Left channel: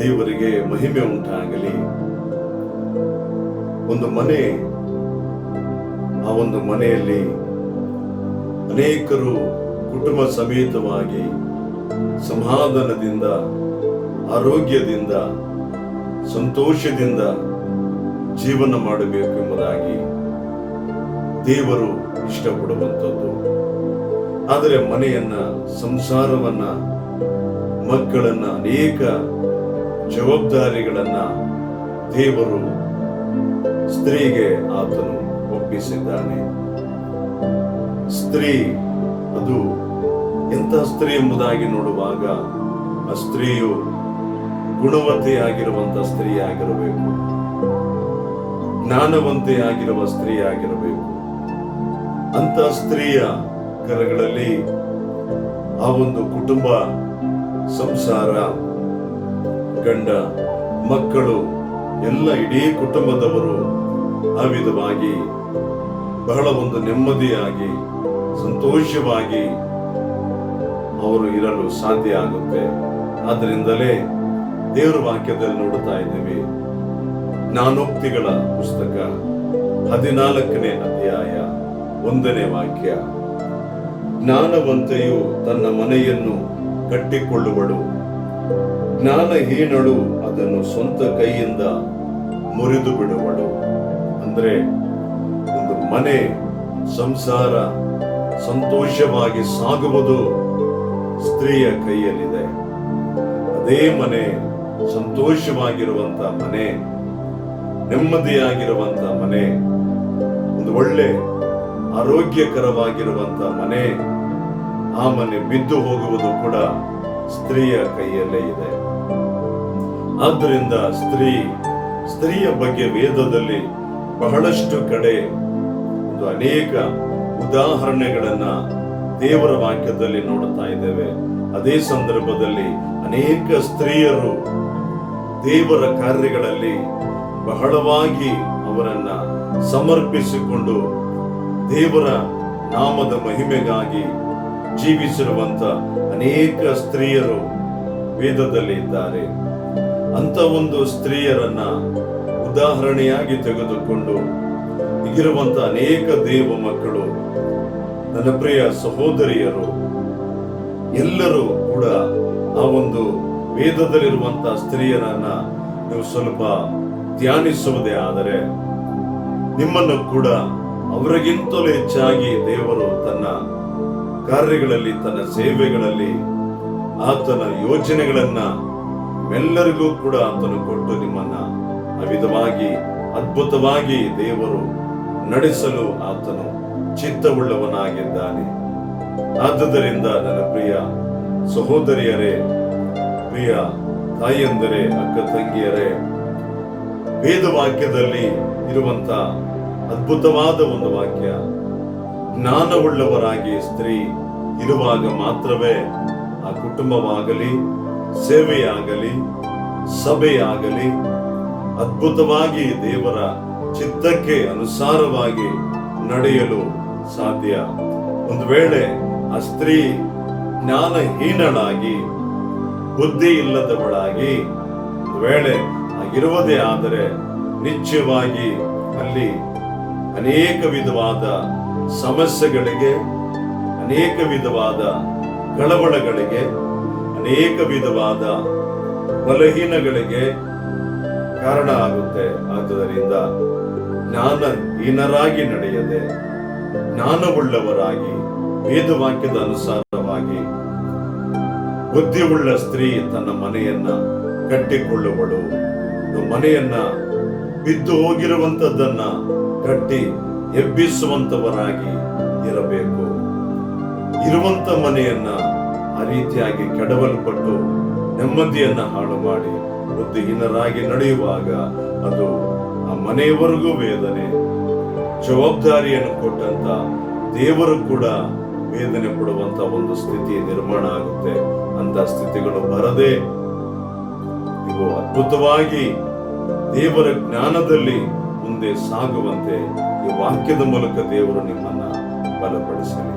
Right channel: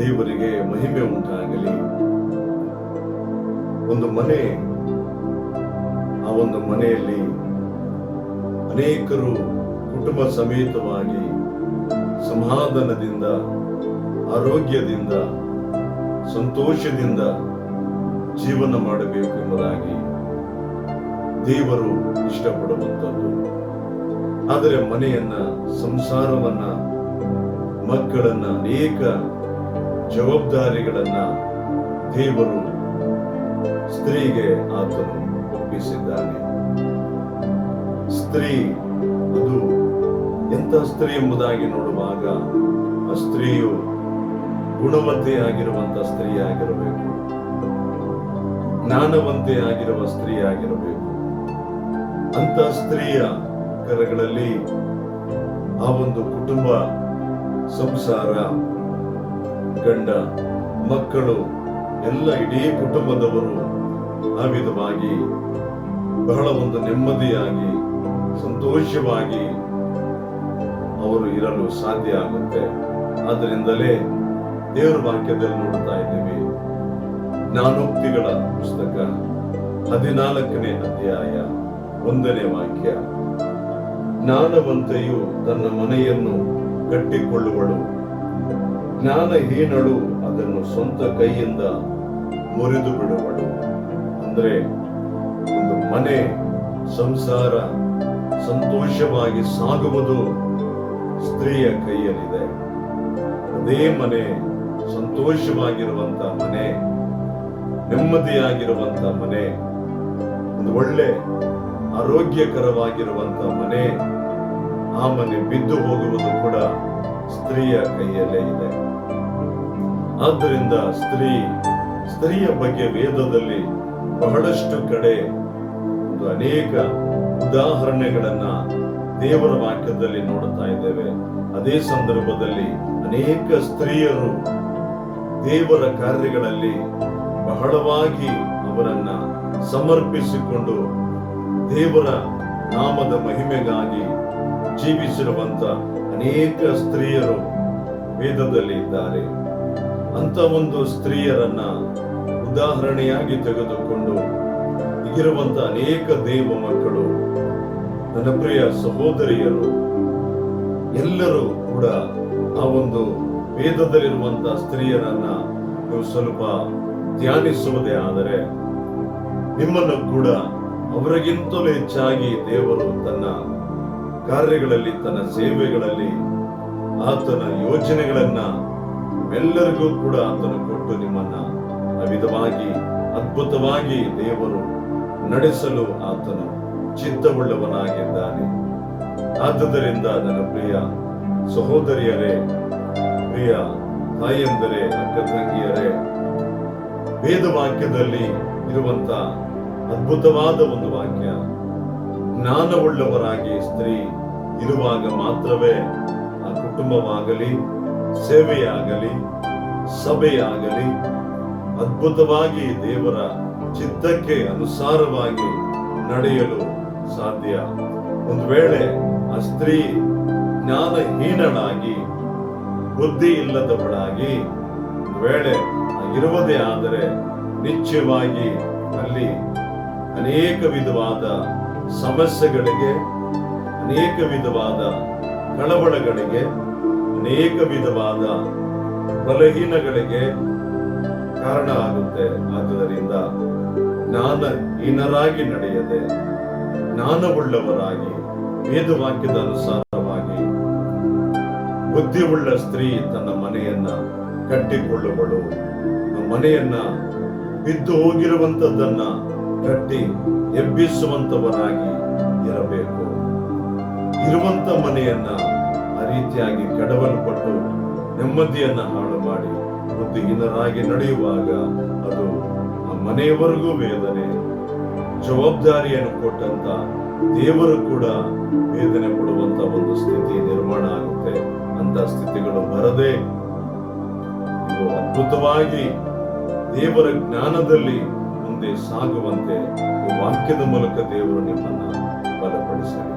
ದೇವರಿಗೆ ಮಹಿಮೆ ಉಂಟಾಗಲಿ. ಒಂದು ಮನೆ, ಆ ಒಂದು ಮನೆಯಲ್ಲಿ ಅನೇಕರು ಕುಟುಂಬ ಸಮೇತವಾಗಿ ಸಮಾಧಾನದಿಂದ, ಆರೋಗ್ಯದಿಂದ, ಸಂತೋಷದಿಂದ ಜೀವನ ಮಾಡಬೇಕು ಎಂಬುದಾಗಿ ದೇವರು ಇಷ್ಟಪಡುವಂಥದ್ದು. ಆದರೆ ಮನೆಯನ್ನ, ಸಂಸಾರವನ್ನ, ಮಕ್ಕಳನ್ನ, ಅನೇಕ ಜವಾಬ್ದಾರಿಗಳನ್ನ ದೇವರು ಸ್ತ್ರೀಗೆ ಆತನು ಒಪ್ಪಿಸಿದ್ದಾನೆ. ಸ್ತ್ರೀ ಅದು ಎಂಥ ಸ್ತ್ರೀ ಎಂಬುದಾಗಿ ನೋಡುವಾಗ ಆ ಸ್ತ್ರೀಯು ಗುಣವಂತೆಯಾಗಿರುವಂತ ಸ್ತ್ರೀ ಆಗಿರಬೇಕು, ಜ್ಞಾನವಂತೆಯಾಗಿರುವ ಸ್ತ್ರೀ ಆಗಿರಬೇಕು. ಅಂತ ಸ್ತ್ರೀಯ ಕರಗಳಲ್ಲಿ ಆ ಒಂದು ಕುಟುಂಬ, ಸಂಸಾರ, ಗಂಡ, ಮಕ್ಕಳು ಎಲ್ಲ ಇಡೀ ಕುಟುಂಬದವರು ಆ ವಿಧವಾಗಿ ಬಹಳ ಒಂದು ನೆಮ್ಮದಿಯಾಗಿ, ಸಂತೋಷವಾಗಿ ಅವರು ಇರಲು ಸಾಧ್ಯ ಆಗುತ್ತೆ. ಆದ್ದರಿಂದಲೇ ದೇವರ ವಾಕ್ಯದಲ್ಲಿ ನೋಡುತ್ತಾ ಇದ್ದೀವಿ. ಜ್ಞಾನೋಕ್ತಿಗಳ ಪುಸ್ತಕ 14ನೇ ಅಧ್ಯಾಯ 1ನೇ ವಾಕ್ಯ, ಜ್ಞಾನವಂತೆಯು ತನ್ನ ಮನೆಯನ್ನು ಕಟ್ಟಿಕೊಳ್ಳುವಳು, ಜ್ಞಾನಹೀನಳು ಅದನ್ನು ಸ್ವಂತ ಕೈಯಿಂದ ಮುರಿದು ಬಿಡುವಳು. ಅಂದ್ರೆ ಒಂದು ಮನೆ, ಸಂಸಾರ ಸಂತೋಷವಾಗಿ ಸಾಗುವುದು ಸ್ತ್ರೀಯ ಕೈಯಲ್ಲಿದೆ. ಅದೇ ಮನೆ, ಸಂತೋಷವಾಗಿರುವಂತ ಮನೆ, ನೆಮ್ಮದಿಯಾಗಿರುವಂತ ಮನೆ, ಒಂದು ಒಳ್ಳೆ ಆರೋಗ್ಯಕರವಾಗಿರುವಂತ ಮನೆ, ಆ ಮನೆ ಬಿದ್ದು ಹೋಗುವುದು ಕೂಡ ಸ್ತ್ರೀಯ ಕೈಯಲ್ಲೇ ಇದೆ. ಆದ್ದರಿಂದ ಸ್ತ್ರೀಯ ಬಗ್ಗೆ ವೇದದಲ್ಲಿ ಬಹಳಷ್ಟು ಕಡೆ ಒಂದು ಅನೇಕ ಉದಾಹರಣೆಗಳನ್ನ ದೇವರ ವಾಕ್ಯದಲ್ಲಿ ನೋಡುತ್ತಾ ಇದ್ದೇವೆ. ಅದೇ ಸಂದರ್ಭದಲ್ಲಿ ಅನೇಕ ಸ್ತ್ರೀಯರು ದೇವರ ಕಾರ್ಯಗಳಲ್ಲಿ ಬಹಳವಾಗಿ ಅವರನ್ನ ಸಮರ್ಪಿಸಿಕೊಂಡು ದೇವರ ನಾಮದ ಮಹಿಮೆಗಾಗಿ ಜೀವಿಸಿರುವಂತ ಅನೇಕ ಸ್ತ್ರೀಯರು ವೇದದಲ್ಲಿ ಇದ್ದಾರೆ. ಅಂತ ಒಂದು ಸ್ತ್ರೀಯರನ್ನ ಉದಾಹರಣೆಯಾಗಿ ತೆಗೆದುಕೊಂಡು ಈಗಿರುವಂತ ಅನೇಕ ದೇವ ಮಕ್ಕಳು, ನನ್ನ ಪ್ರಿಯ ಸಹೋದರಿಯರು ಎಲ್ಲರೂ ಕೂಡ ಆ ಒಂದು ವೇದದಲ್ಲಿರುವಂತ ಸ್ತ್ರೀಯರನ್ನ ನೀವು ಸ್ವಲ್ಪ ಧ್ಯಾನಿಸುವುದೇ ಆದರೆ ನಿಮ್ಮನ್ನು ಕೂಡ ಅವರಿಗಿಂತಲೂ ಹೆಚ್ಚಾಗಿ ದೇವರು ತನ್ನ ಕಾರ್ಯಗಳಲ್ಲಿ, ತನ್ನ ಸೇವೆಗಳಲ್ಲಿ ಆತನ ಯೋಜನೆಗಳನ್ನ ಎಲ್ಲರಿಗೂ ಕೂಡ ಆತನು ಕೊಟ್ಟು ನಿಮ್ಮನ್ನ ಆ ವಿಧವಾಗಿ ಅದ್ಭುತವಾಗಿ ದೇವರು ನಡೆಸಲು ಆತನು ಚಿತ್ತವುಳ್ಳವನಾಗಿದ್ದಾನೆ. ಆದುದರಿಂದ ನನ್ನ ಪ್ರಿಯ ಸಹೋದರಿಯರೇ, ಪ್ರಿಯ ತಾಯಿಯಂದರೆ, ಅಕ್ಕ ತಂಗಿಯರೇ, ವೇದವಾಕ್ಯದಲ್ಲಿ ಇರುವಂತ ಅದ್ಭುತವಾದ ಒಂದು ವಾಕ್ಯ, ಜ್ಞಾನವುಳ್ಳವರಾಗಿ ಸ್ತ್ರೀ ಇರುವಾಗ ಮಾತ್ರವೇ ಆ ಕುಟುಂಬವಾಗಲಿ, ಸೇವೆಯಾಗಲಿ, ಸಭೆಯಾಗಲಿ ಅದ್ಭುತವಾಗಿ ದೇವರ ಚಿತ್ತಕ್ಕೆ ಅನುಸಾರವಾಗಿ ನಡೆಯಲು ಸಾಧ್ಯ. ಒಂದು ವೇಳೆ ಆ ಸ್ತ್ರೀ ಜ್ಞಾನಹೀನಳಾಗಿ, ಬುದ್ಧಿ ಇಲ್ಲದವಳಾಗಿ ಒಂದು ವೇಳೆ ಆಗಿರುವುದೇ ಆದರೆ ನಿಶ್ಚಯವಾಗಿ ಅಲ್ಲಿ ಅನೇಕ ವಿಧವಾದ ಸಮಸ್ಯೆಗಳಿಗೆ, ಅನೇಕ ವಿಧವಾದ ಕಳವಳಗಳಿಗೆ, ಅನೇಕ ವಿಧವಾದ ಬಲಹೀನಗಳಿಗೆ ಕಾರಣ ಆಗುತ್ತೆ. ಆದ್ದರಿಂದ ಜ್ಞಾನಹೀನರಾಗಿ ನಡೆಯದೆ ಜ್ಞಾನವುಳ್ಳವರಾಗಿ ವೇದವಾಕ್ಯದ ಅನುಸಾರವಾಗಿ ಬುದ್ಧಿಯುಳ್ಳ ಸ್ತ್ರೀ ತನ್ನ ಮನೆಯನ್ನ ಕಟ್ಟಿಕೊಳ್ಳುವಳು. ಮನೆಯನ್ನ ಬಿದ್ದು ಹೋಗಿರುವಂತದ್ದನ್ನ ಕಟ್ಟಿ ಎಬ್ಬಿಸುವಂತವರಾಗಿ ಇರಬೇಕು. ಇರುವಂತ ಮನೆಯನ್ನ ಆ ರೀತಿಯಾಗಿ ಕೆಡವಲ್ಪಟ್ಟು ನೆಮ್ಮದಿಯನ್ನ ಹಾಳು ಮಾಡಿ ಬುದ್ಧಿಹೀನರಾಗಿ ನಡೆಯುವಾಗ ಅದು ಆ ಮನೆಯವರೆಗೂ ವೇದನೆ. ಜವಾಬ್ದಾರಿಯನ್ನು ಕೊಟ್ಟಂತ ದೇವರು ಕೂಡ ವೇದನೆ ಪಡುವಂತ ಒಂದು ಸ್ಥಿತಿ ನಿರ್ಮಾಣ ಆಗುತ್ತೆ. ಅಂತ ಸ್ಥಿತಿಗಳು ಬರದೆ ನೀವು ಅದ್ಭುತವಾಗಿ ದೇವರ ಜ್ಞಾನದಲ್ಲಿ ಮುಂದೆ ಸಾಗುವಂತೆ ಈ ವಾಕ್ಯದ ಮೂಲಕ ದೇವರು ನಿಮ್ಮನ್ನ ಬಲಪಡಿಸಲಿ.